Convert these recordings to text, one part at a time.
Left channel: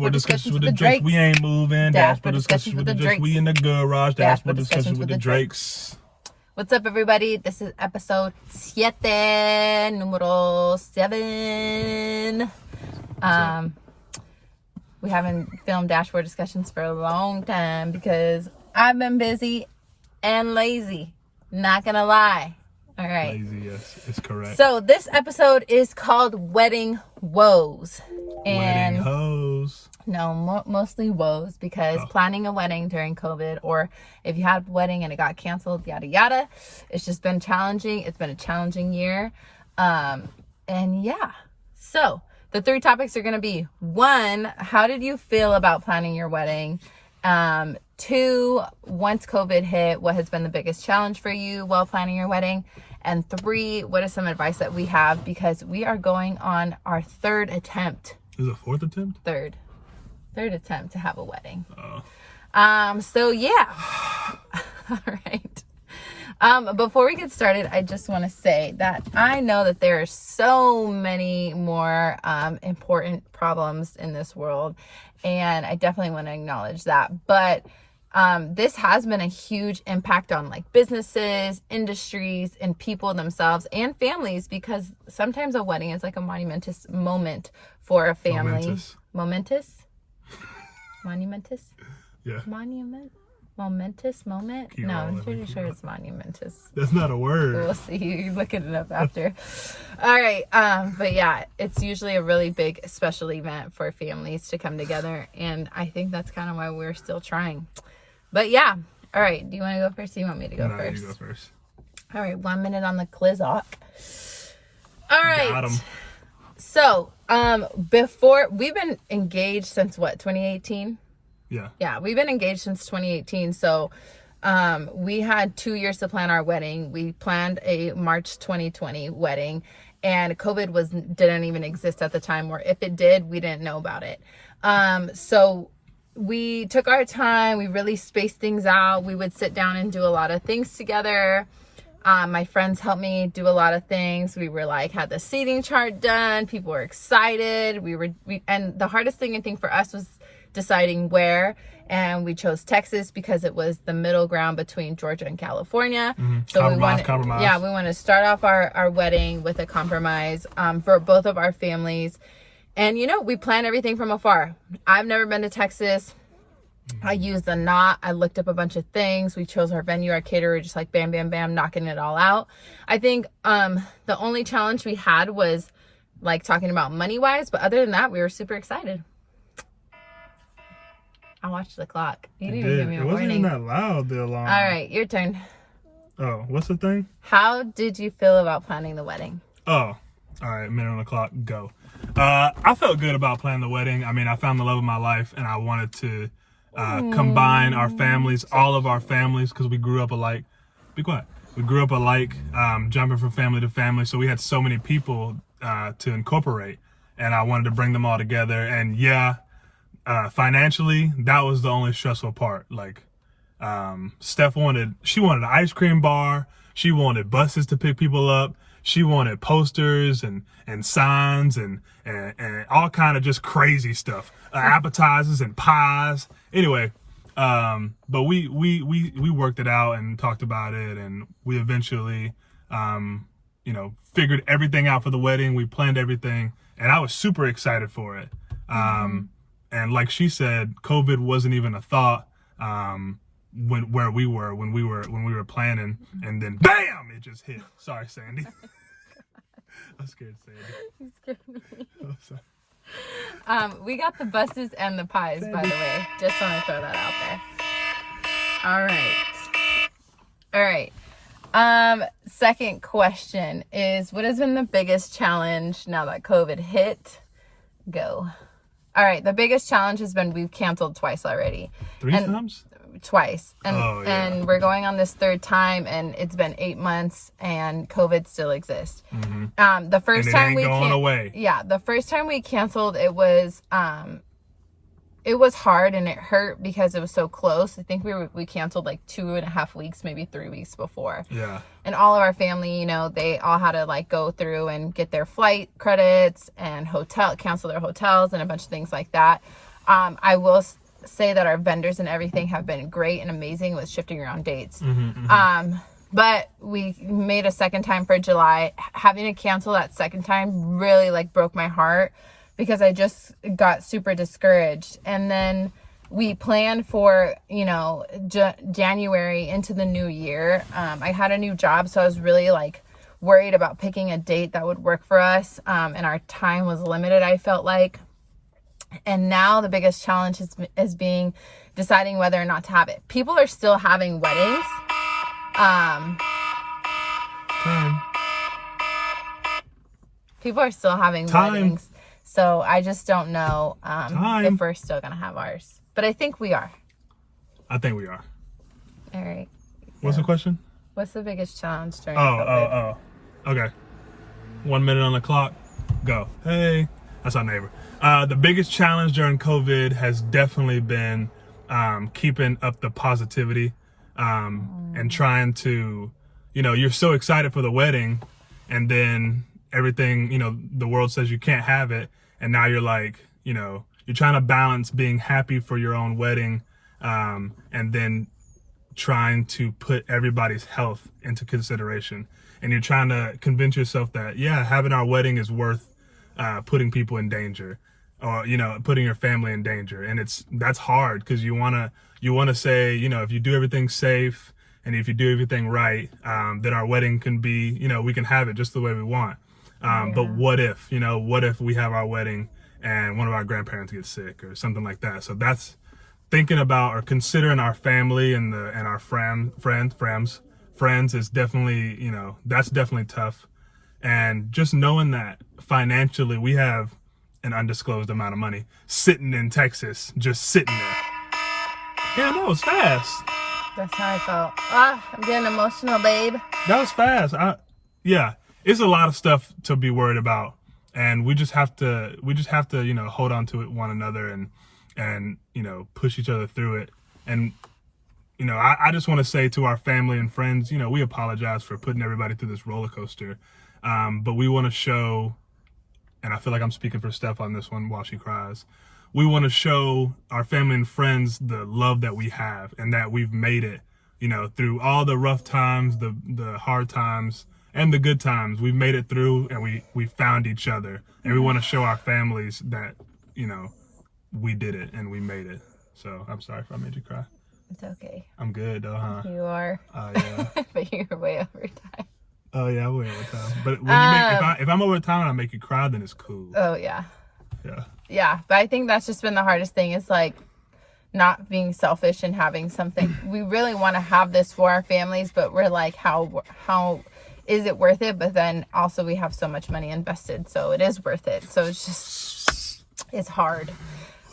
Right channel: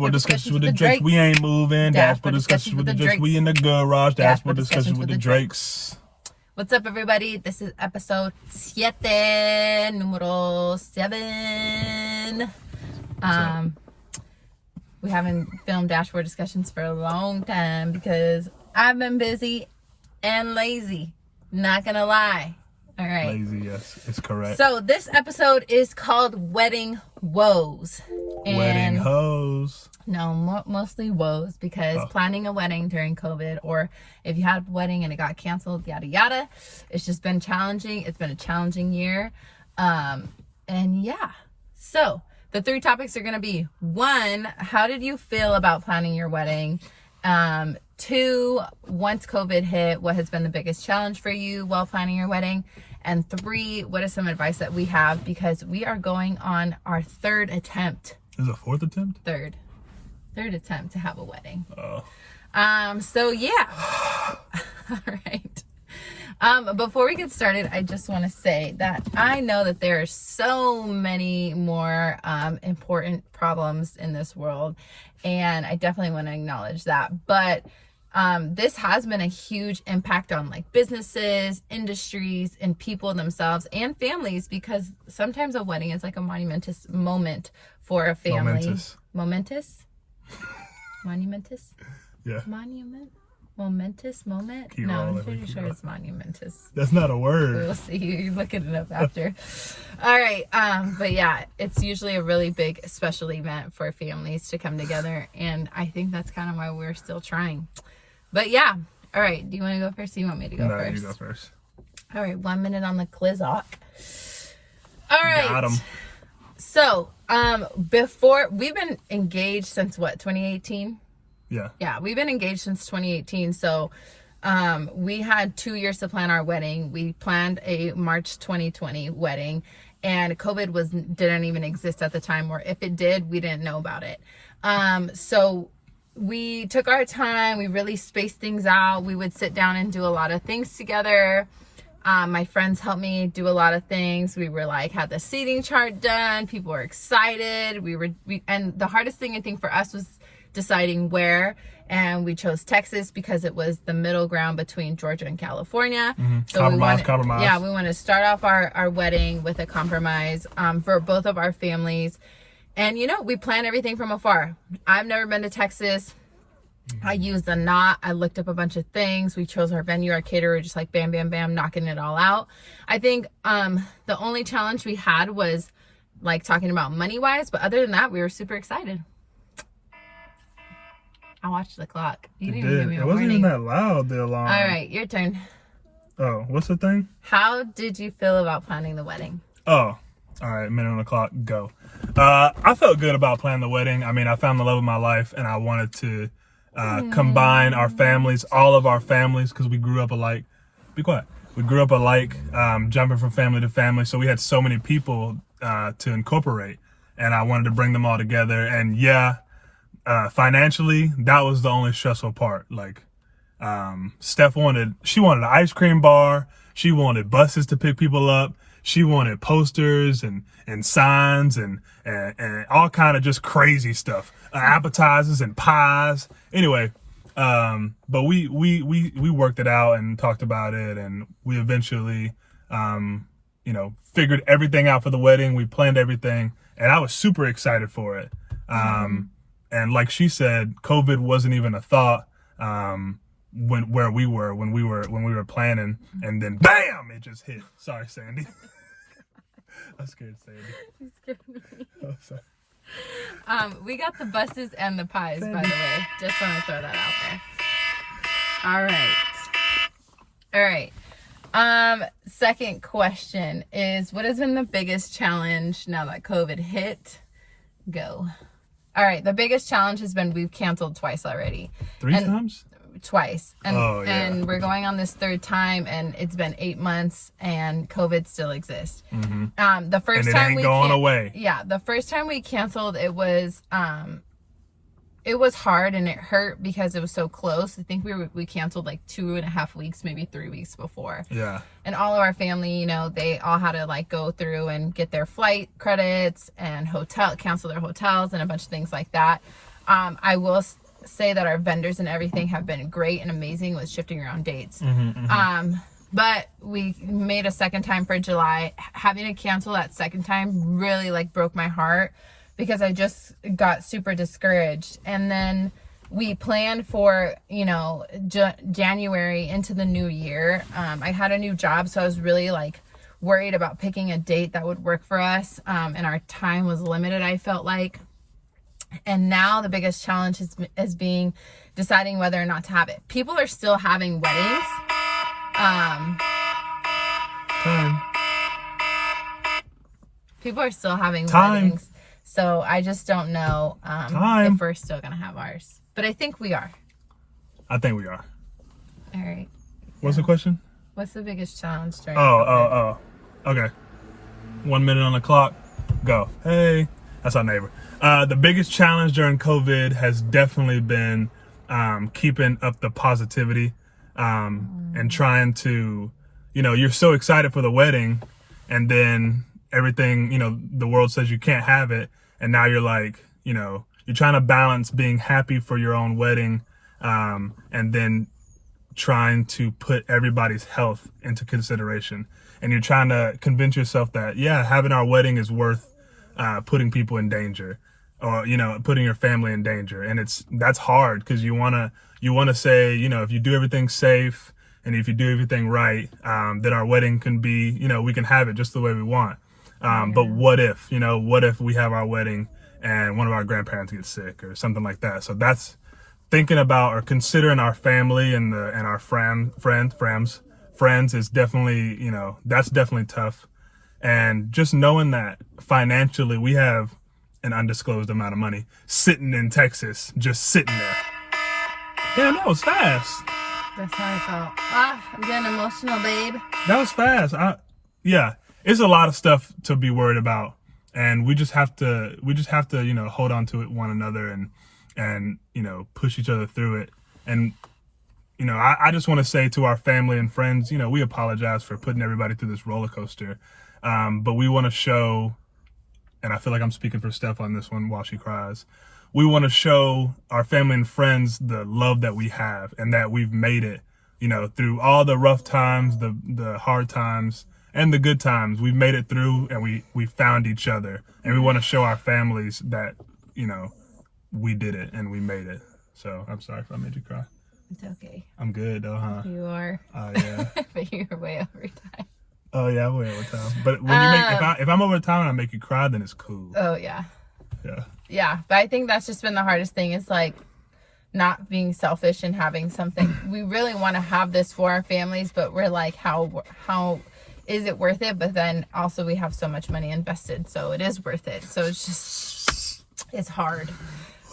Dashboard discussions with the Drakes. We ain't moving. Dashboard discussions with the Drakes. We in the garage. Dashboard discussions with the Drakes. What's up, everybody? This is episode 7, numero 7. We haven't filmed dashboard discussions for a long time because I've been busy and lazy. Not gonna lie. All right. Lazy, yes, it's correct. So this episode is called Wedding Woes. Wedding hoes. No, mostly woes, because planning a wedding during COVID, or if you had a wedding and it got canceled, yada yada, it's just been challenging. It's been a challenging year. And yeah. So the 3 topics are going to be: 1, how did you feel about planning your wedding? 2, once COVID hit, what has been the biggest challenge for you while planning your wedding? And 3, what is some advice that we have, because we are going on our 3rd attempt. Is it a 4th attempt? 3rd attempt to have a wedding. Oh. So yeah. All right. Before we get started, I just want to say that I know that there are so many more important problems in this world, and I definitely want to acknowledge that. But this has been a huge impact on like businesses, industries, and people themselves and families, because sometimes a wedding is like a monumentous moment for a family. Momentous? Yeah. Momentous moment? No, I'm pretty sure it's monumentous. That's not a word. We'll see. You're looking it up after. All right. But yeah, it's usually a really big special event for families to come together. And I think that's kind of why we're still trying. But yeah. All right. Do you want to go first? Or do you want me to go first? You go first. All right. 1 minute on the Clizock. All right. Got him. So, before, we've been engaged since what, 2018? Yeah, we've been engaged since 2018. So, we had 2 years to plan our wedding. We planned a March 2020 wedding, and COVID didn't even exist at the time, or if it did, we didn't know about it. So we took our time. We really spaced things out. We would sit down and do a lot of things together. My friends helped me do a lot of things. We were had the seating chart done. People were excited. And the hardest thing I think for us was deciding where. And we chose Texas because it was the middle ground between Georgia and California. Mm-hmm. So compromise. Yeah, we want to start off our wedding with a compromise for both of our families. And we plan everything from afar. I've never been to Texas. I used the knot. I looked up a bunch of things. We chose our venue, our caterer, just bam, bam, bam, knocking it all out. I think the only challenge we had was talking about money wise, but other than that, we were super excited. I watched the clock. You didn't even give me a warning. It wasn't even that loud, the alarm. All right, your turn. Oh, what's the thing? How did you feel about planning the wedding? Oh, all right, minute on the clock, go. I felt good about planning the wedding. I mean, I found the love of my life, and I wanted to combine our families, all of our families, because we grew up alike. Be quiet. We grew up alike, jumping from family to family, so we had so many people to incorporate, and I wanted to bring them all together. And yeah, financially, that was the only stressful part. Steph wanted an ice cream bar. She wanted buses to pick people up. She wanted posters and signs and all kind of just crazy stuff, appetizers and pies. Anyway, but we worked it out and talked about it, and we eventually, figured everything out for the wedding. We planned everything, and I was super excited for it. And like she said, COVID wasn't even a thought when we were planning, and then bam, it just hit. Sorry, Sandy. I'm scared, Sandy. Oh, sorry. We got the buses and the pies, Sandy. By the way. Just want to throw that out there. All right. Second question is, what has been the biggest challenge now that COVID hit? Go. All right. The biggest challenge has been we've canceled twice already. 3 times? Twice. And we're going on this 3rd time, and it's been 8 months, and COVID still exists. Mm-hmm. The first and it time ain't we going away. Yeah, the first time we canceled, it was hard and it hurt because it was so close. I think we canceled 2.5 weeks, maybe 3 weeks before. Yeah. And all of our family, they all had to go through and get their flight credits and cancel their hotels and a bunch of things like that. I will say that our vendors and everything have been great and amazing with shifting around dates. But we made a second time for July. Having to cancel that second time really like broke my heart because I just got super discouraged. And then we planned for, you know, January into the new year. I had a new job, so I was really like worried about picking a date that would work for us. And our time was limited, I felt like. And now the biggest challenge is deciding whether or not to have it. People are still having weddings. People are still having weddings. So I just don't know if we're still going to have ours. But I think we are. I think we are. All right. What's the question? What's the biggest challenge during COVID? Okay. 1 minute on the clock. Go. Hey. That's our neighbor. The biggest challenge during COVID has definitely been keeping up the positivity and trying to, you know, you're so excited for the wedding and then everything, you know, the world says you can't have it. And now you're like, you know, you're trying to balance being happy for your own wedding and then trying to put everybody's health into consideration. And you're trying to convince yourself that, yeah, having our wedding is worth putting people in danger or, you know, putting your family in danger. And that's hard because you want to say, you know, if you do everything safe and if you do everything right, then our wedding can be, you know, we can have it just the way we want. But what if we have our wedding and one of our grandparents gets sick or something like that? So that's thinking about or considering our family and our friends is definitely, you know, that's definitely tough. And just knowing that financially we have an undisclosed amount of money sitting in Texas, just sitting there. Yeah, that was fast. That's how I felt. I'm getting emotional, babe. That was fast. Yeah, it's a lot of stuff to be worried about. And we just have to, you know, hold on to it one another and, you know, push each other through it. And, you know, I just want to say to our family and friends, you know, we apologize for putting everybody through this roller coaster. But we want to show, and I feel like I'm speaking for Steph on this one while she cries. We want to show our family and friends the love that we have and that we've made it, you know, through all the rough times, the hard times, and the good times. We've made it through and we found each other. And we want to show our families that, you know, we did it and we made it. So I'm sorry if I made you cry. It's okay. I'm good though, huh? You are. Oh, yeah. But you're way over time. Oh yeah, I'm way over time. But when if I'm over time and I make you cry, then it's cool. Oh yeah. Yeah. Yeah, but I think that's just been the hardest thing is like not being selfish and having something. We really want to have this for our families, but we're like, how is it worth it? But then also we have so much money invested, so it is worth it. So it's hard.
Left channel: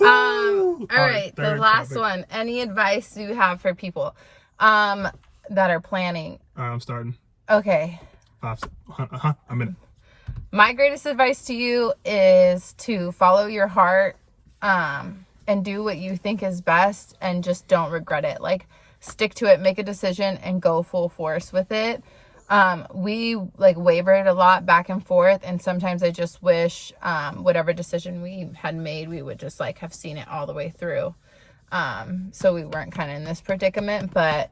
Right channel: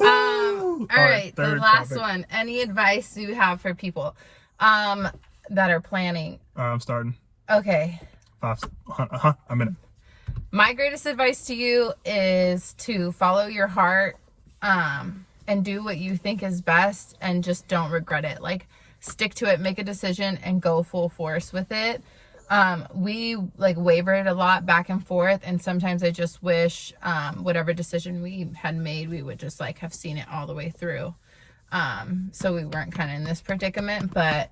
All right, the last one. Any advice you have for people that are planning? I'm starting. Okay. A minute. My greatest advice to you is to follow your heart and do what you think is best and just don't regret it. Like, stick to it, make a decision, and go full force with it. We like wavered a lot back and forth, and sometimes I just wish whatever decision we had made, we would just like have seen it all the way through. So we weren't kind of in this predicament, but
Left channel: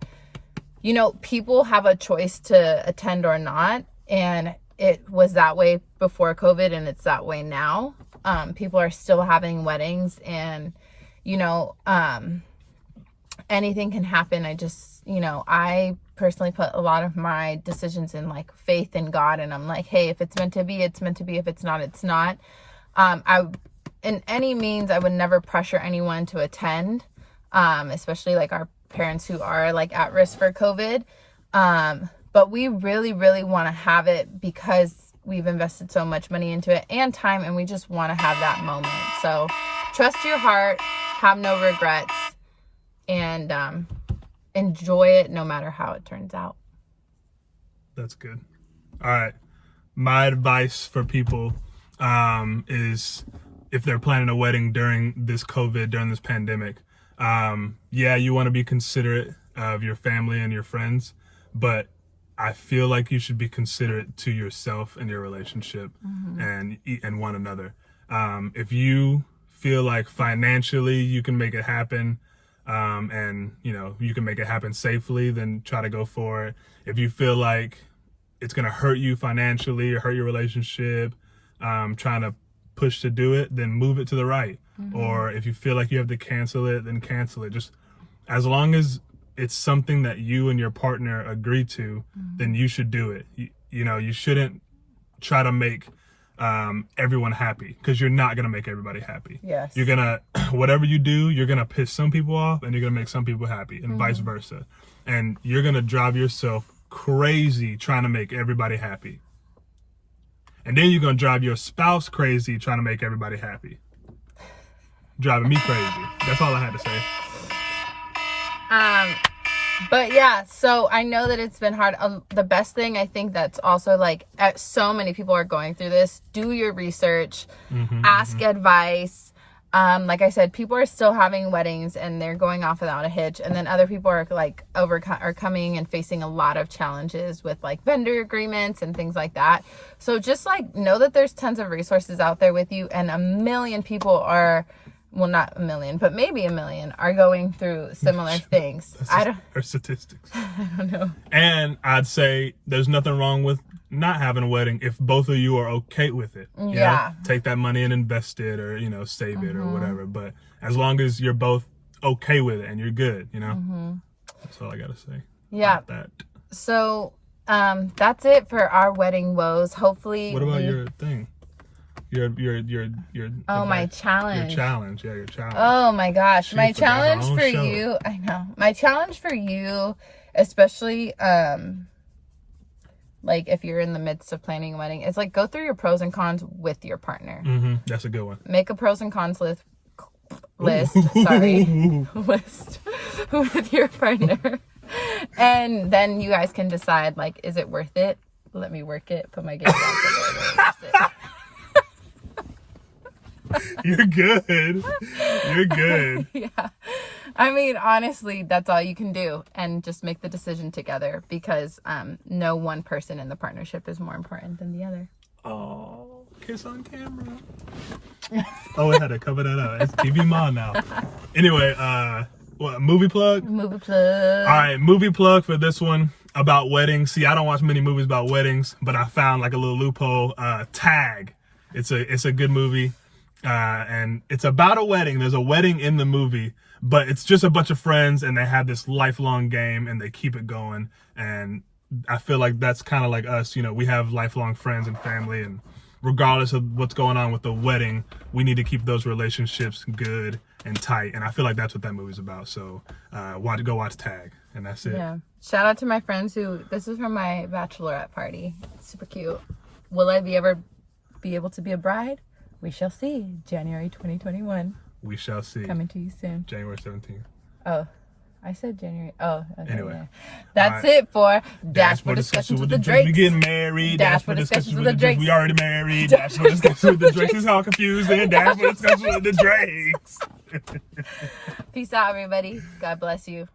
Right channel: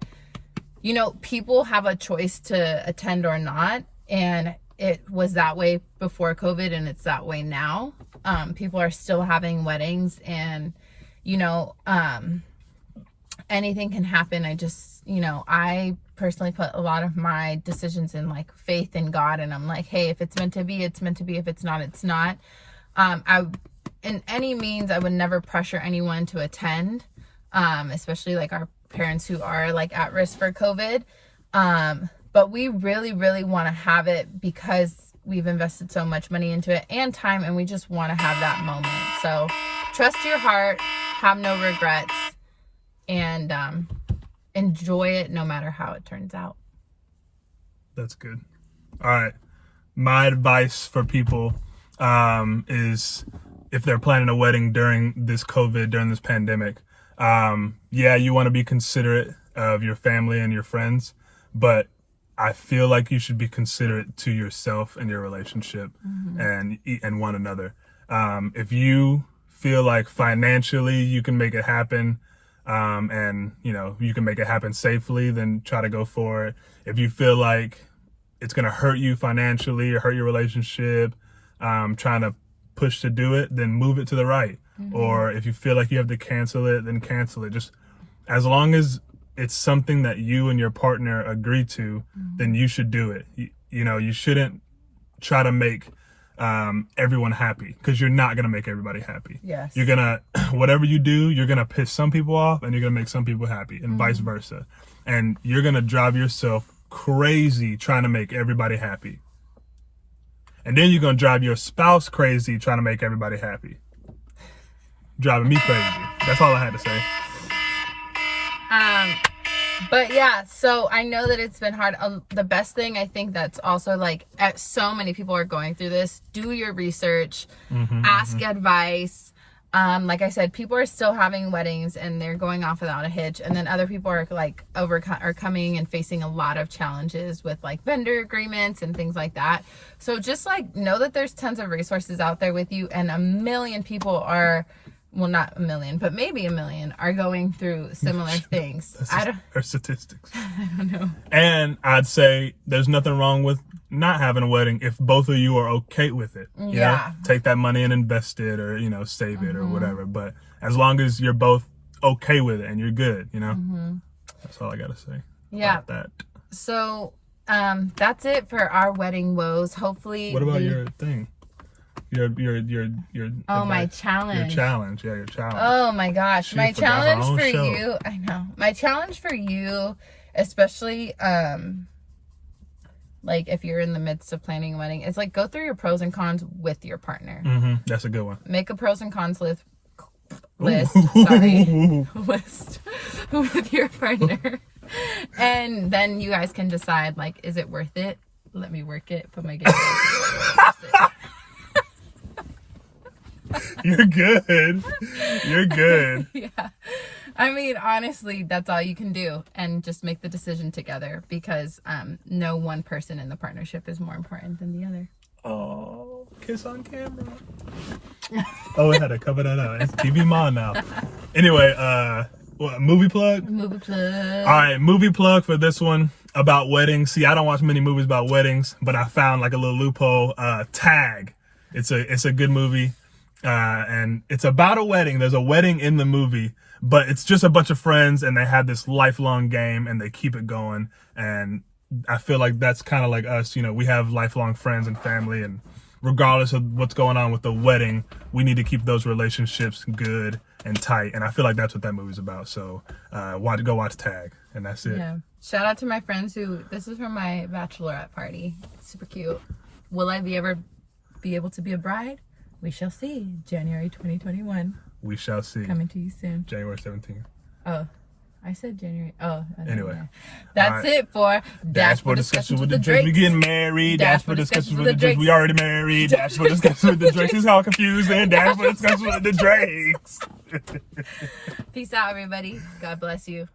you know, people have a choice to attend or not, and it was that way before COVID and it's that way now. People are still having weddings and, you know, anything can happen. I personally put a lot of my decisions in like faith in God, and I'm like, hey, if it's meant to be, it's meant to be. If it's not, it's not. In any means, I would never pressure anyone to attend, especially like our parents who are like at risk for COVID. But we really, really want to have it because we've invested so much money into it and time, and we just want to have that moment. So trust your heart, have no regrets, and enjoy it no matter how it turns out. That's good. All right. My advice for people is if they're planning a wedding during this COVID, during this pandemic, you want to be considerate of your family and your friends, but I feel like you should be considerate to yourself and your relationship and one another. If you feel like financially you can make it happen, and you can make it happen safely, then try to go for it. If you feel like it's gonna hurt you financially or hurt your relationship, trying to push to do it, then move it to the right. Or if you feel like you have to cancel it, then cancel it. Just as long as it's something that you and your partner agree to, then you should do it. You shouldn't try to make everyone happy, because you're not gonna make everybody happy. Yes. You're gonna whatever you do, you're gonna piss some people off and you're gonna make some people happy, and vice versa. And you're gonna drive yourself crazy trying to make everybody happy. And then you're gonna drive your spouse crazy trying to make everybody happy. Driving me crazy. That's all I had to say. But yeah, so I know that it's been hard. The best thing, I think, that's also like, so many people are going through this. Do your research, ask advice. Like I said, people are still having weddings and they're going off without a hitch. And then other people are like are coming and facing a lot of challenges with like vendor agreements and things like that. So just like know that there's tons of resources out there with you, and a million people are, well, not a million, but maybe a million are going through similar things. Her statistics. I don't know. And I'd say there's nothing wrong with not having a wedding if both of you are okay with it. You know? Take that money and invest it, or save it or whatever. But as long as you're both okay with it and you're good, that's all I gotta say. Yeah. About that. So that's it for our wedding woes. Hopefully. What about your thing? Your my challenge. Your challenge. Yeah, your challenge. Oh my gosh. She my challenge for show. you. I know. My challenge for you, especially like if you're in the midst of planning a wedding, it's like go through your pros and cons with your partner. That's a good one. Make a pros and cons list list with your partner. And then you guys can decide, like, is it worth it? Let me work it. Put my gift on. You're good. You're good. Yeah. I mean, honestly, that's all you can do, and just make the decision together, because no one person in the partnership is more important than the other. Oh, kiss on camera. Oh, we had to cover that up. It's TV Mom now. Anyway, what, movie plug? Movie plug. All right, movie plug for this one about weddings. See, I don't watch many movies about weddings, but I found like a little loophole. Tag. It's a good movie. And it's about a wedding. There's a wedding in the movie, but it's just a bunch of friends, and they have this lifelong game and they keep it going. And I feel like that's kind of like us. We have lifelong friends and family, and regardless of what's going on with the wedding, we need to keep those relationships good and tight. And I feel like that's what that movie's about. So go watch Tag, and that's it. Yeah. Shout out to my friends this is from my bachelorette party. It's super cute. Will I ever be able to be a bride? We shall see. January 2021. We shall see. Coming to you soon. January 17th. Oh, I said January. Oh, anyway. That's it for Dashboard Discussions with the Drakes. We getting married. Dashboard Discussions with the Drakes. We already married. Dashboard Discussions with the Drakes. It's all confusing. Dashboard Discussions with the Drakes. Peace out, everybody. God bless you.